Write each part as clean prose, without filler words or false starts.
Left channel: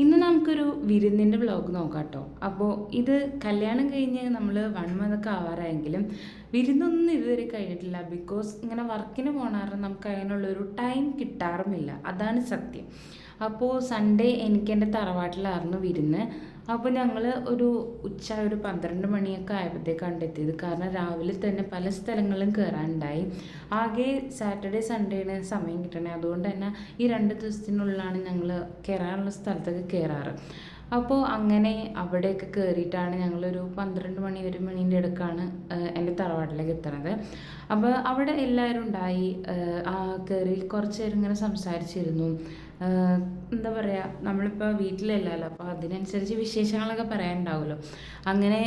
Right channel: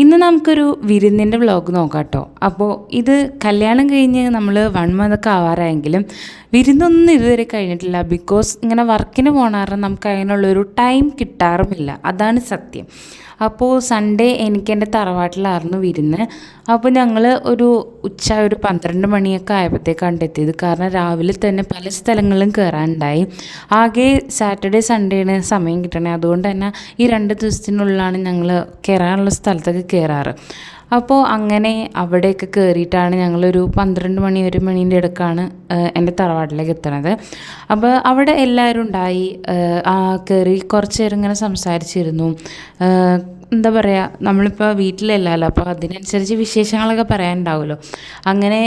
ഇന്ന് നമുക്കൊരു വിരുന്നിൻ്റെ വ്ളോഗ് നോക്കാം കേട്ടോ. അപ്പോൾ ഇത് കല്യാണം കഴിഞ്ഞ് നമ്മൾ 1 മന്തൊക്കെ ആവാറായെങ്കിലും വിരുന്നൊന്നും ഇതുവരെ കഴിഞ്ഞിട്ടില്ല. ബിക്കോസ് ഇങ്ങനെ വർക്കിന് പോകണ കാരണം നമുക്ക് അതിനുള്ളൊരു ടൈം കിട്ടാറുമില്ല, അതാണ് സത്യം. അപ്പോൾ സൺഡേ എനിക്ക് എൻ്റെ തറവാട്ടിലായിരുന്നു വിരുന്ന്. അപ്പോൾ ഞങ്ങൾ ഒരു 12 മണിയൊക്കെ ആയപ്പോഴത്തേക്കാണ് എത്തിയത്. കാരണം രാവിലെ തന്നെ പല സ്ഥലങ്ങളിലും കയറാനുണ്ടായി. ആകെ സാറ്റർഡേ സൺഡേയാണ് സമയം കിട്ടണേ. അതുകൊണ്ട് തന്നെ ഈ 2 ദിവസത്തിനുള്ളിലാണ് ഞങ്ങൾ കയറാനുള്ള സ്ഥലത്തൊക്കെ കയറാറ്. അപ്പോൾ അങ്ങനെ അവിടെയൊക്കെ കയറിയിട്ടാണ് ഞങ്ങളൊരു 12 മണി 1 മണീൻ്റെ ഇടയ്ക്കാണ് എൻ്റെ തറവാട്ടിലേക്ക് എത്തണത്. അപ്പോൾ അവിടെ എല്ലാവരും ഉണ്ടായി. കയറി കുറച്ച് നേരം ഇങ്ങനെ സംസാരിച്ചിരുന്നു. എന്താ പറയുക, നമ്മളിപ്പോൾ വീട്ടിലല്ലല്ലോ, അപ്പോൾ അതിനനുസരിച്ച് വിശേഷങ്ങളൊക്കെ പറയാനുണ്ടാവുമല്ലോ. അങ്ങനെ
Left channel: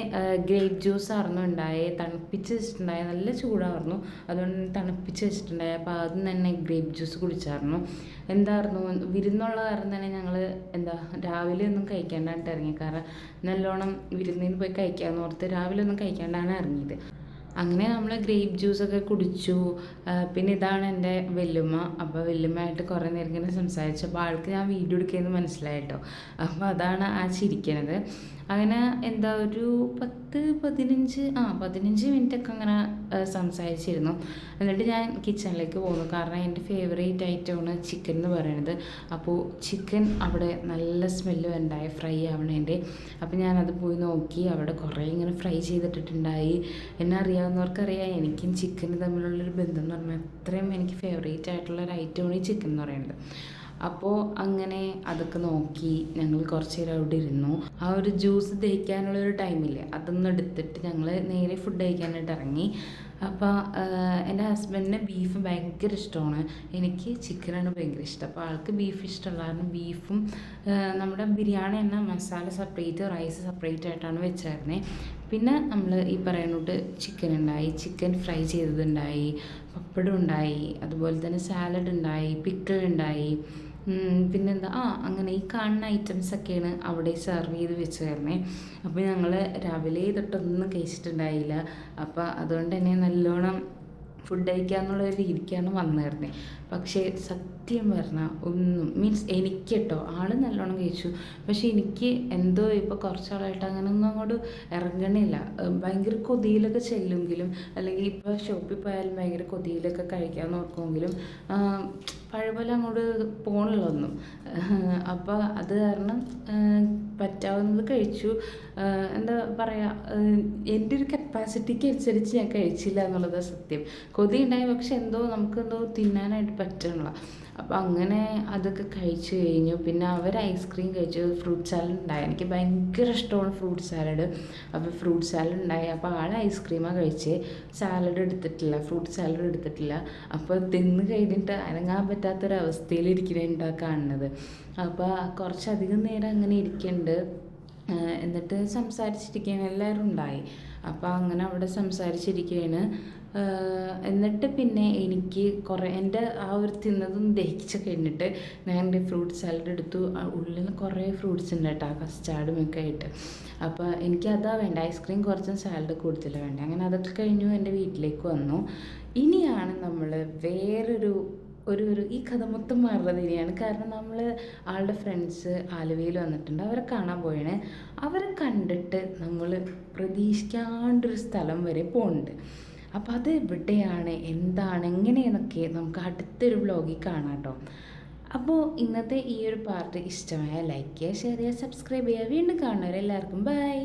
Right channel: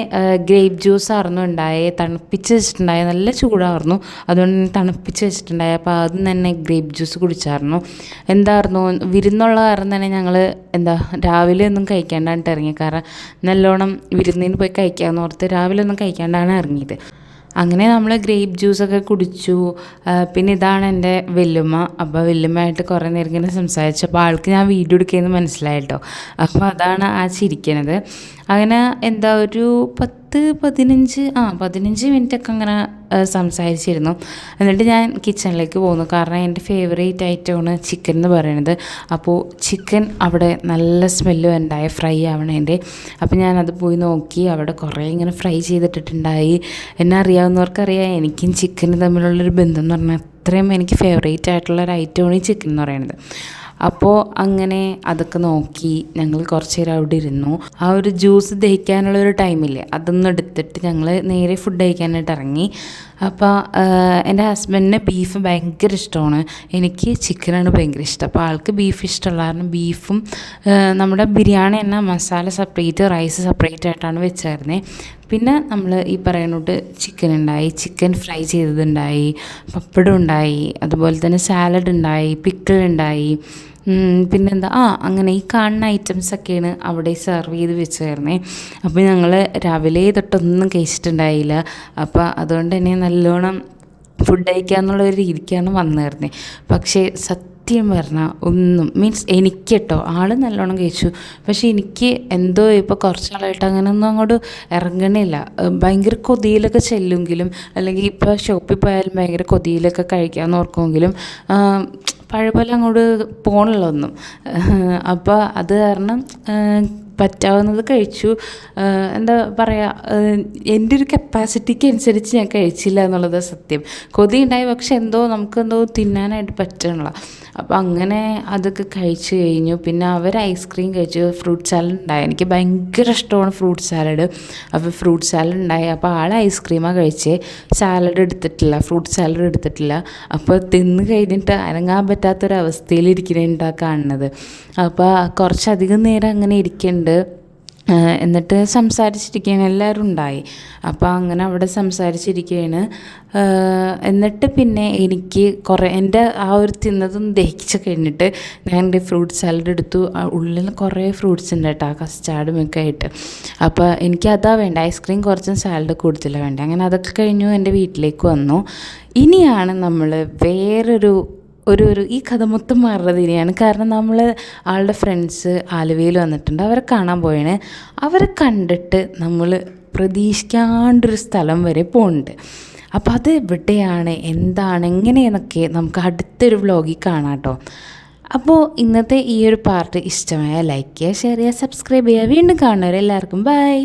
ഗ്രേപ്പ് ജ്യൂസ് ആയിരുന്നു ഉണ്ടായി, തണുപ്പിച്ച് വെച്ചിട്ടുണ്ടായി. നല്ല ചൂടായിരുന്നു, അതുകൊണ്ട് തന്നെ തണുപ്പിച്ച് വെച്ചിട്ടുണ്ടായി. അപ്പോൾ അതും തന്നെ ഗ്രേപ്പ് ജ്യൂസ് കുടിച്ചായിരുന്നു. എന്തായിരുന്നു വിരുന്നുള്ള കാരണം തന്നെ ഞങ്ങൾ രാവിലെ ഒന്നും കഴിക്കാണ്ടായിട്ട് ഇറങ്ങി. കാരണം നല്ലോണം വിരുന്നിന് പോയി കഴിക്കാമെന്ന് ഓർത്ത് രാവിലെ ഒന്നും കഴിക്കാണ്ടാണ് ഇറങ്ങിയത്. അങ്ങനെ നമ്മൾ ഗ്രേപ്പ് ജ്യൂസൊക്കെ കുടിച്ചു. പിന്നെ ഇതാണ് എൻ്റെ വല്യമ്മ. അപ്പോൾ വല്യമ്മയായിട്ട് കുറേ നേരം ഇങ്ങനെ സംസാരിച്ചു. അപ്പോൾ ആൾക്ക് ഞാൻ വീഡിയോ എടുക്കുകയെന്ന് മനസ്സിലായിട്ടോ. അപ്പോൾ അതാണ് ആ ചിരിക്കണത്. അങ്ങനെ ഒരു 15 മിനിറ്റൊക്കെ അങ്ങനെ സംസാരിച്ചിരുന്നു. എന്നിട്ട് ഞാൻ കിച്ചണിലേക്ക് പോകുന്നു. കാരണം എൻ്റെ ഫേവറേറ്റ് ഐറ്റമാണ് ചിക്കൻ എന്ന് പറയുന്നത്. അപ്പോൾ ചിക്കൻ അവിടെ നല്ല സ്മെല്ല് ഉണ്ടായി, ഫ്രൈ ആവണേൻ്റെ. അപ്പോൾ ഞാനത് പോയി നോക്കി. അവിടെ കുറേ ഇങ്ങനെ ഫ്രൈ ചെയ്തിട്ടിട്ടുണ്ടായി. എന്നെ അറിയാവുന്നവർക്കറിയാം, എനിക്കും ചിക്കനും തമ്മിലുള്ളൊരു ബന്ധം എന്ന് പറഞ്ഞാൽ അത്രയും എനിക്ക് ഫേവറേറ്റ് ആയിട്ടുള്ളൊരു ഐറ്റമാണ് ഈ ചിക്കൻ എന്ന് പറയുന്നത്. അപ്പോൾ അങ്ങനെ അതൊക്കെ നോക്കി ഞങ്ങൾ കുറച്ച് നേരം അവിടെ ഇരുന്നു. ആ ഒരു ജ്യൂസ് ദഹിക്കാനുള്ളൊരു ടൈമില്ലേ, അതൊന്നും എടുത്തിട്ട് ഞങ്ങൾ നേരെ ഫുഡ് കഴിക്കാനായിട്ട് ഇറങ്ങി. അപ്പോൾ എൻ്റെ ഹസ്ബൻഡിന് ബീഫ് ഭയങ്കര ഇഷ്ടമാണ്, എനിക്ക് ചിക്കനാണ് ഭയങ്കര ഇഷ്ടം. അപ്പോൾ ആൾക്ക് ബീഫ് ഇഷ്ടമുള്ള കാരണം ബീഫും നമ്മുടെ ബിരിയാണി തന്നെ മസാല സെപ്പറേറ്റ്, റൈസ് സെപ്പറേറ്റ് ആയിട്ടാണ് വെച്ചായിരുന്നത്. പിന്നെ നമ്മൾ ഈ പറയുന്നോട്ട് ചിക്കൻ ഉണ്ടായി, ചിക്കൻ ഫ്രൈ ചെയ്തതുണ്ടായി, പപ്പടം ഉണ്ടായി, അതുപോലെ തന്നെ സാലഡ് ഉണ്ടായി, പിക്കിൾ ഉണ്ടായി. പിന്നെന്താ അങ്ങനെ ഈ കാണുന്ന ഐറ്റംസൊക്കെയാണ് അവിടെ സെർവ് ചെയ്ത് വെച്ചായിരുന്നേ. അപ്പോൾ ഞങ്ങൾ രാവിലെ തൊട്ടൊന്നും കഴിച്ചിട്ടുണ്ടായില്ല. അപ്പോൾ അതുകൊണ്ട് തന്നെ നല്ലോണം ഫുഡ് കഴിക്കാന്നുള്ള ഒരു രീതിക്കാണ് വന്നിരുന്നത്. പക്ഷേ സത്യം പറഞ്ഞാൽ ഒന്നും എനിക്ക് കേട്ടോ, ആൾ നല്ലോണം കഴിച്ചു. പക്ഷേ എനിക്ക് എന്തോ ഇപ്പോൾ കുറച്ചാളായിട്ട് അങ്ങനെയൊന്നും അങ്ങോട്ട് ഇറങ്ങണില്ല. ഭയങ്കര കൊതിയിലൊക്കെ ചെല്ലുമെങ്കിലും, അല്ലെങ്കിൽ ഇപ്പോൾ ഷോപ്പിൽ പോയാലും ഭയങ്കര കൊതിയിലൊക്കെ കഴിക്കാമെന്ന് ഓർക്കുമെങ്കിലും പഴയ പോലെ അങ്ങോട്ട് പോകണില്ല ഒന്നും. അപ്പോൾ അത് കാരണം പറ്റാവുന്നത് കഴിച്ചു. എന്താ പറയുക, എൻ്റെ ഒരു കപ്പാസിറ്റിക്ക് അനുസരിച്ച് ഞാൻ കഴിച്ചില്ല എന്നുള്ളത് സത്യം. കൊതി ഉണ്ടായി, പക്ഷെ നമുക്കെന്തോ തിന്നാനായിട്ട് പറ്റണില്ല. അപ്പോൾ അങ്ങനെ അതൊക്കെ കഴിച്ച് കഴിഞ്ഞു. പിന്നെ അവർ ഐസ്ക്രീം കഴിച്ചു, ഫ്രൂട്ട് സാലഡ് ഉണ്ടായി. എനിക്ക് ഭയങ്കര ഇഷ്ടമാണ് ഫ്രൂട്ട് സാലഡ്. അപ്പോൾ ഫ്രൂട്ട് സാലഡ് ഉണ്ടായി. അപ്പോൾ ആൾ ഐസ്ക്രീമാണ് കഴിച്ചേ, ഫ്രൂട്ട് സാലഡ് എടുത്തിട്ടില്ല. അപ്പോൾ തിന്ന് കഴിഞ്ഞിട്ട് അനങ്ങാൻ പറ്റാത്തൊരവസ്ഥയിലിരിക്കുന്നുണ്ടാണ് കാണുന്നത്. അപ്പോൾ കുറച്ചധികം നേരം അങ്ങനെ ഇരിക്കുന്നുണ്ട്. എന്നിട്ട് സംസാരിച്ചിരിക്കുകയാണ്, എല്ലാവരും ഉണ്ടായി. അപ്പോൾ അങ്ങനെ അവിടെ സംസാരിച്ചിരിക്കുകയാണ്. എന്നിട്ട് പിന്നെ എനിക്ക് എൻ്റെ ആ ഒരു തിന്നതും ദഹിച്ച് കഴിഞ്ഞിട്ട് ഞാൻ എൻ്റെ ഫ്രൂട്ട് സാലഡ് എടുത്തു. ഉള്ളിൽ കുറേ ഫ്രൂട്ട്സ് ഉണ്ട് കേട്ടോ, കസ്റ്റാർഡും ഒക്കെ ആയിട്ട്. അപ്പോൾ എനിക്ക് അതാ വേണ്ട, ഐസ്ക്രീം കുറച്ചും സാലഡ് കൂടുതൽ വേണ്ട. അങ്ങനെ അതൊക്കെ കഴിഞ്ഞു എൻ്റെ വീട്ടിലേക്ക് വന്നു. ഇനിയാണ് നമ്മൾ വേറൊരു ഈ കഥ മൊത്തം മാറുന്നത് ഇനിയാണ്. കാരണം നമ്മൾ ആളുടെ ഫ്രണ്ട്സ് ആലുവയിൽ വന്നിട്ടുണ്ട്, അവരെ കാണാൻ പോയാണ്. അവരെ കണ്ടിട്ട് നമ്മൾ പ്രതീക്ഷിക്കാണ്ടൊരു സ്ഥലം വരെ പോകുന്നുണ്ട്. അപ്പോൾ അത് എവിടെയാണ്, എന്താണ്, എങ്ങനെയെന്നൊക്കെ നമുക്ക് അടുത്തൊരു വ്ളോഗിൽ കാണാം കേട്ടോ. അപ്പോൾ ഇന്നത്തെ ഈ ഒരു പാർട്ട് ഇഷ്ടമായ ലൈക്ക് ചെയ്യുക, ഷെയർ ചെയ്യുക, സബ്സ്ക്രൈബ് ചെയ്യുക. വീണ്ടും കാണുന്നവരെല്ലാവർക്കും ബൈ.